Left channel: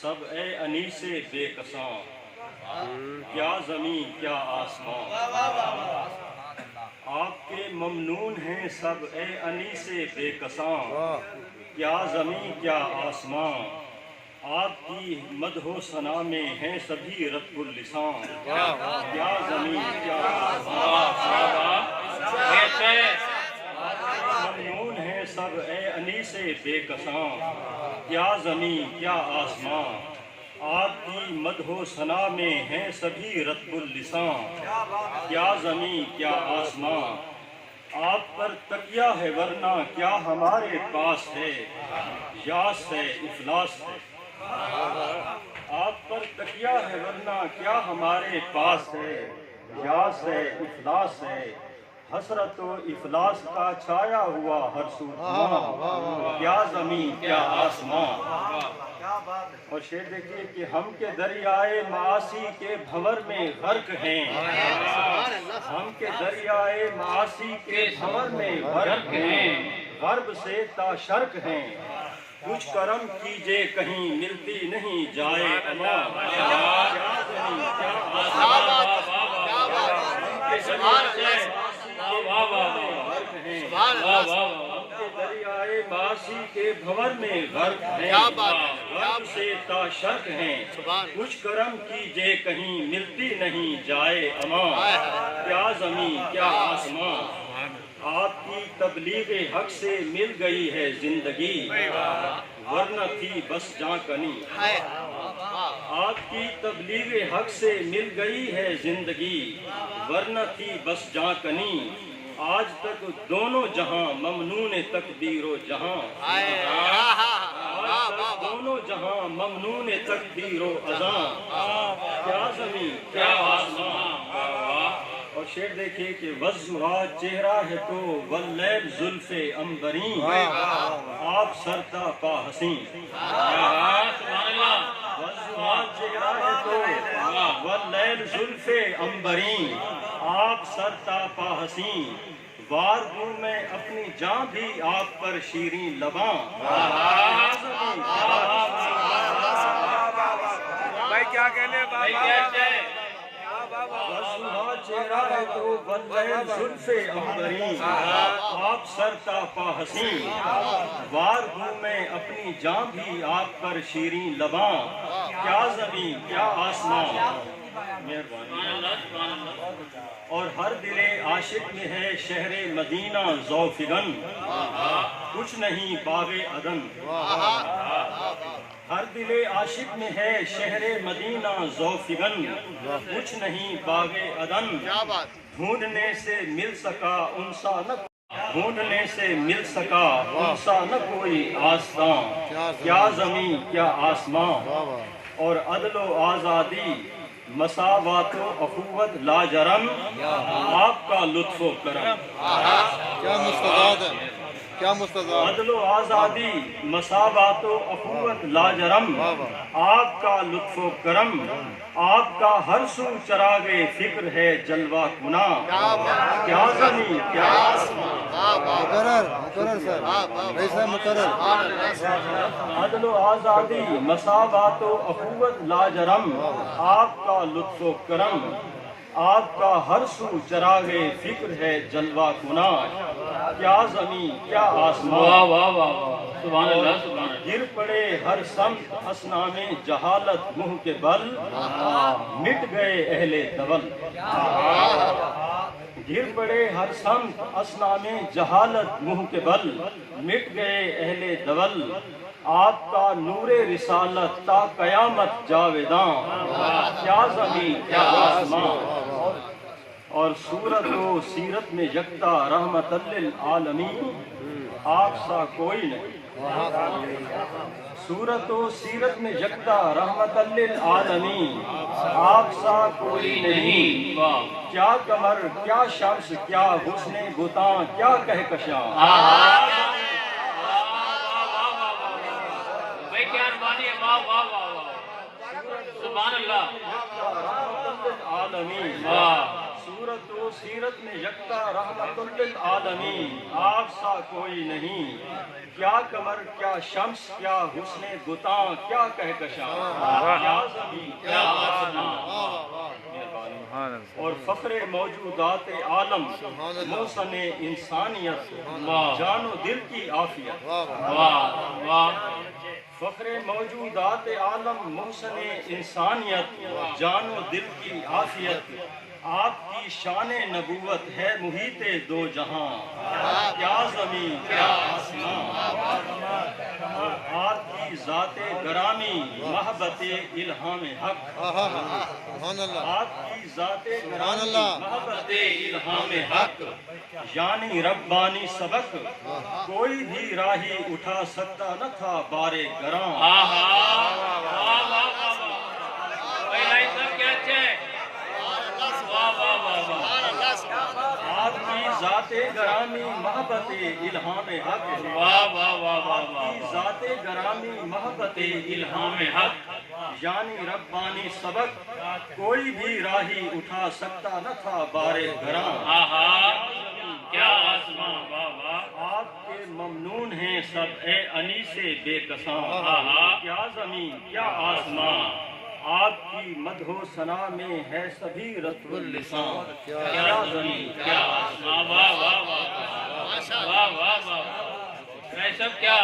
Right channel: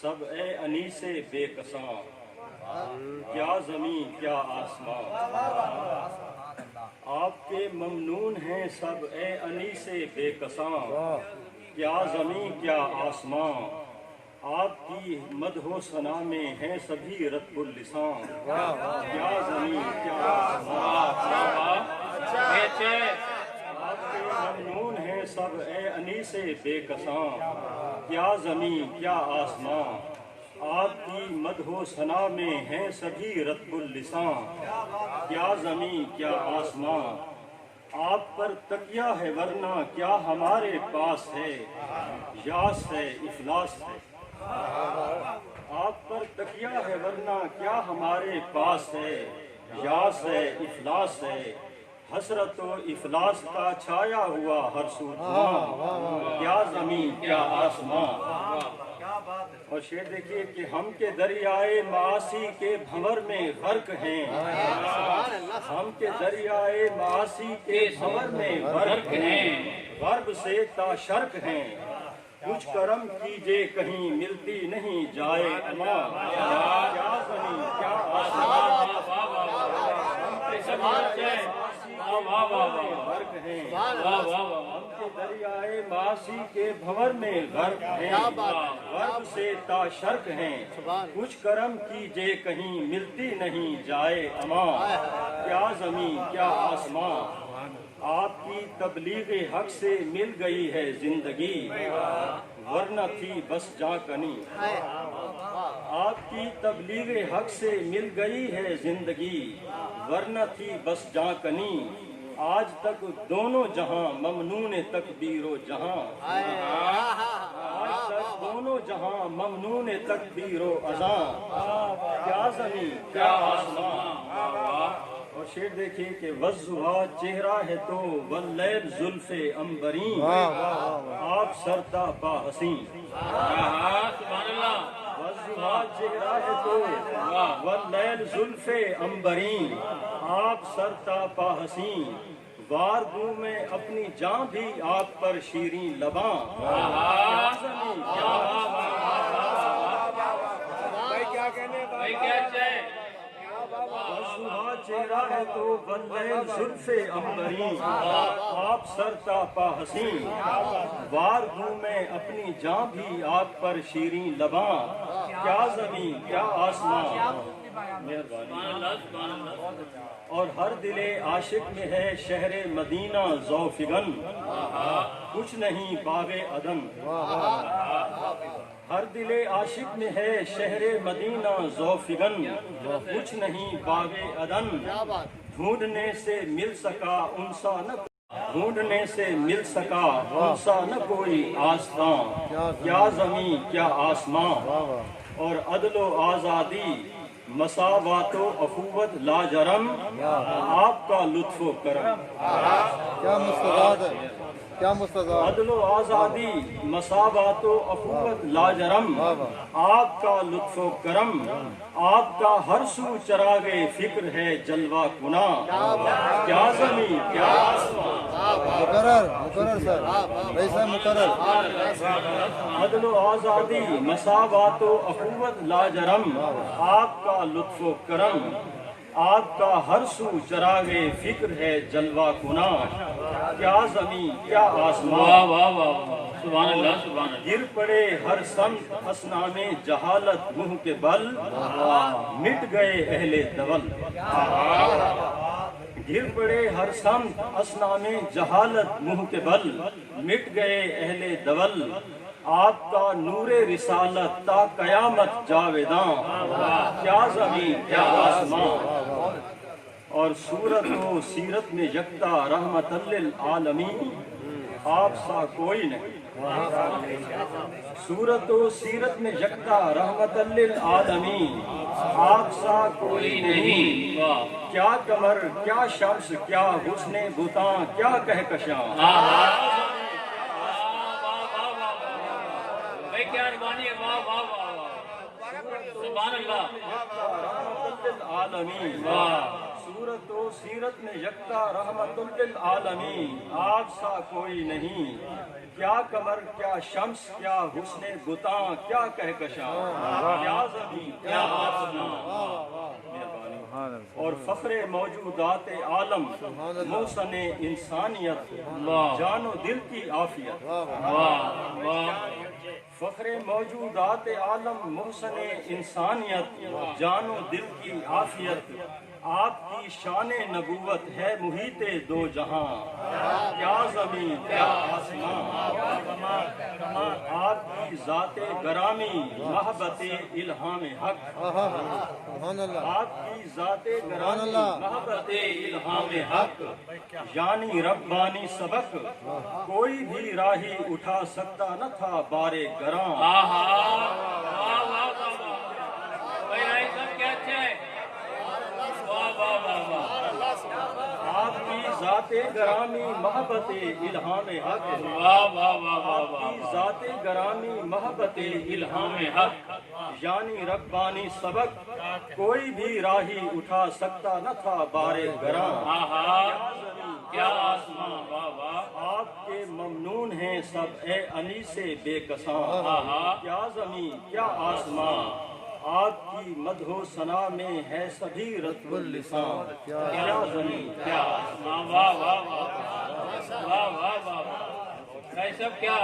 سب اے انیسِ بے کساں، کیا زمین کیا آسمان، آپ کے ممنون ہیں سب اے انیسِ بے کساں، کیا زمین کیا آسمان، آپ کی مدح و ثنا میں ہیں سبھی رطب اللسان، کیا زمین کیا آسمان، ممنون ہیں سب اے انیسِ بے کساں، کیا زمین کیا آسمان، آپ کی مدح و ثنا میں ہیں سبھی رطب اللسان، کیا زمین کیا آسمان، آپ پر تکیہ ہے ورنہ کیا ہمارے پاس ہے، یاس ہے افلاس ہے، آپ پر تکیہ ہے ورنہ کیا ہمارے پاس ہے، یاس ہے افلاس ہے، حسرت و افلاس کا چھایا ہوا ہر سو دھواں، کیا زمین کیا آسمان۔ اور شعر دیکھیے کہ ہم کے دریائے معاصی کے بھنور میں غرق ہیں، ہم کے دریائے معاصی کے بھنور میں غرق ہیں، غرب سے تا شرق ہیں، کچھ کرم کیجئے کہیں ملتی نہیں جائے امان، کیا زمین کیا آسمان، ہم کے دریائے معاصی کے بھنور میں غرق ہیں، غرب سے تا شرق ہیں، کچھ کرم کیجئے کہیں ملتی نہیں جائے امان، کیا زمین کیا آسمان، آپ کی تبلیغ حق سے مل گئی ہے زندگی، ورنہ تھی بس جاں کنی، آپ کی تبلیغ حق سے مل گئی ہے زندگی، ورنہ تھی بس جاں کنی، آج تک دونوں جہاں ممنون تقدیر و جہاں، آج تک دونوں جہاں ممنون تقدیر و اذاں، کیا زمین کیا آسمان۔ اور شعر دیکھیے کہ وضحیٰ چہرہ ہے تو واللیل زلف عنبرین، آپ سرتا پا حسین، وضحیٰ چہرہ ہے تو واللیل زلف عنبرین، آپ سرتا پا حسین، وار دوں میں اپنی جاں بھی آپ پر شیریں لباں، کیا زمین کیا بھائی کیا کہنے وضحیٰ چہرہ ہے تو واللیل زلف عنبرین، آپ سرتا پا حسین، وار ہوں میں اپنی جاں بھی آپ پر شیریں لباں، کیا زمین کیا آسمان، مہربانی۔ اور ہر دل عاشق میں ہے شہر مدینہ ذوفگن، کچھ نہیں باغ عدن، ہر دل عاشق میں ہے شہر مدینہ ذوفگن، کچھ نہیں باغ عدن، ڈھونڈنے سے مل سکا انسا نہ ڈھونڈنے سے مل سکا انسا نہ کوئی آستاں، کیا زمین کیا آسمان، اور عدل و آزادی مساوات و اخوت لاجرم، آپ کا لطف و کرم، کیا مستضاد ہے، کیا مستضاد، عدل و آزادی مساوات و اخوت لاجرم، آپ کا لطف و کرم، آپ کا ہر سو چراغ فکر ہے جلوہ کناں، کیا زمین کیا مقرر سر ایسا مقرر، عدل و آزادی مساوات و اخوت لاجرم، آپ کا لطف و کرم، آپ کا ہر سو چراغ فکر ہے جلوہ کناں، کیا زمین کیا آسمان، سبحان اللہ سبحان اللہ، گر پڑے ہر سمت اسنام جہالت منہ کے بل، مٹ گئے اہل دول، گر پڑے ہر سمت اسنام جہالت منہ کے بل، مٹ گئے اہل دول، آپ کا نور رسالت تا قیامت جاویداں، کیا زمین کیا آسمان، اور صورت و سیرت میں یکتا رحمت للعالمین، آپ سا کوئی نہیں، صورت و سیرت میں یکتا رحمت للعالمین، آپ سا کوئی نہیں، کیا قمر کیا شمس کیا حسن بتاں کیا کہکشاں، بھائی کیا روانی ہے، واہ واہ واہ واہ، سبحان اللہ، رحمت للعالمین، واہ صورت و سیرت میں یکتا رحمت للعالمین، آپ سا کوئی نہیں، کیا قمر کیا شمس کیا حسن بتاں کیا کہکشاں، کیا زمین کیا آسمان، اور فخر موجودات عالم محسن انسانیت، جان و دل کی عافیت، واہ واہ فخر موجودات عالم محسن انسانیت، جان و دل کی عافیت، آپ کی شان نبوت ہے محیط دو جہاں، کیا زمین کیا آسمان، آپ کی ذات گرامی محبت الہام حق، سبحان اللہ آپ کی ذات گرامی اللہ۔ محبت الہام حق، یعنی ربانی سبق کوئی بھی راہی اٹھا سکتا نہ تھا بارے گراں، آہا واہ واہ واہ بھائی بھائی صاحب کیا اچھا ہے واہ واہ واہ واہ آپ کی ذات گرامی محبت الہام حق، واہ واہ واہ واہ آپ کی ذات گرامی محبت الہام حق، یعنی ربانی سبق کوئی بھی راہی اٹھا سکتا نہ تھا بارے گراں، آہا کیا آسمان واہ واہ آپ کے ممنون ہیں سب اے انیس بے کساں، کیا زمین کیا آسمان، آپ کی مدح و ثنا میں ہے سبھی رطب اللسان، کیا زمین کیا آسمان واہ واہ واہ واہ واہ واہ بھائی صاحب کیا